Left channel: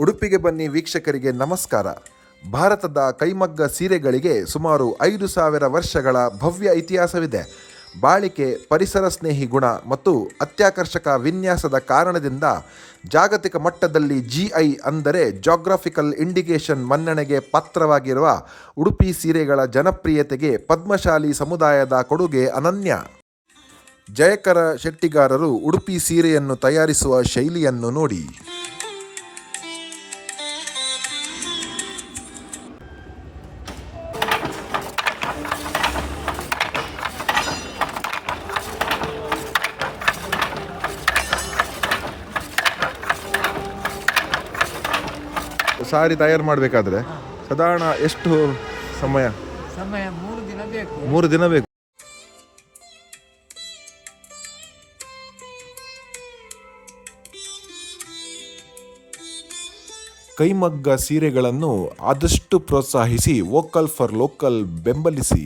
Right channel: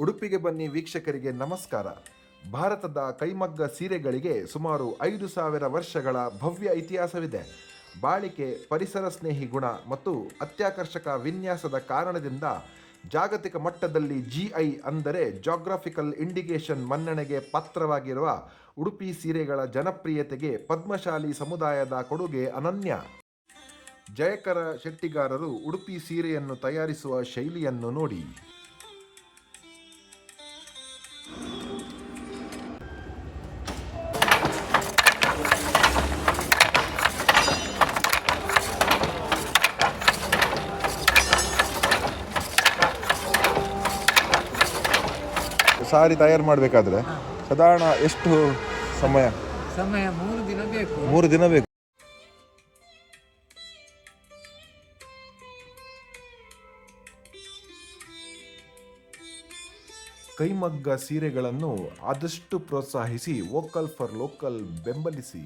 ಉಡುಪಿಗೆ ಬನ್ನಿ ವೀಕ್ಷಕರಿಗೆ ನಮಸ್ಕಾರ. ಭಾರತದ ಕೈಮಗ್ಗ ಸೀರೆಗಳಿಗೆ ಸುಮಾರು 5,000 ವರ್ಷಗಳ ಭವ್ಯ ಇತಿಹಾಸವಿದೆ. ಬಾಳಿಕೆ, ಪರಿಸರ ಸ್ನೇಹಿ ಗುಣ ಮತ್ತು ಅತ್ಯಾಕರ್ಷಕ ವಿನ್ಯಾಸದ ಕಾರಣದಿಂದ ಜಾಗತಿಕ ಮಟ್ಟದಲ್ಲಿ GI ಅಂದರೆ ಜಾಗ್ರಫಿಕಲ್ ಇಂಡಿಕೇಶನ್ ಮನ್ನಣೆಗೆ ಪಾತ್ರವಾಗಿರುವ ಉಡುಪಿ ಸೀರೆಗಳ ಜನಪ್ರಿಯತೆಗೆ ಪದ್ಮಶಾಲಿ ಸಮುದಾಯದ ಕೊಡುಗೆ ಅನನ್ಯ. ಜಯಕರ ಶೆಟ್ಟಿಗಾರರು ಉಡುಪಿ ಸೀರೆಯನ್ನು ತಯಾರಿಸುವ ಶೈಲಿಯನ್ನು ನೋಡಿ. ಸಾರಿ ತಯಾರು ಮಾಡಬೇಕಾದ್ರೆ ಸಾಧಾರಣ ಎಷ್ಟು ಸಮಯ? 3 ದಿನ ಬೇಕು. 3 ದಿನ ಬೇಕು. ಕೈಮಗ್ಗ ಸೀರೆಗಳನ್ನು ಆದಷ್ಟು ಪ್ರೋತ್ಸಾಹಿಸಿ, ವೋಕಲ್ ಫಾರ್ ಲೋಕಲ್ ಬೆಂಬಲಿಸಿ.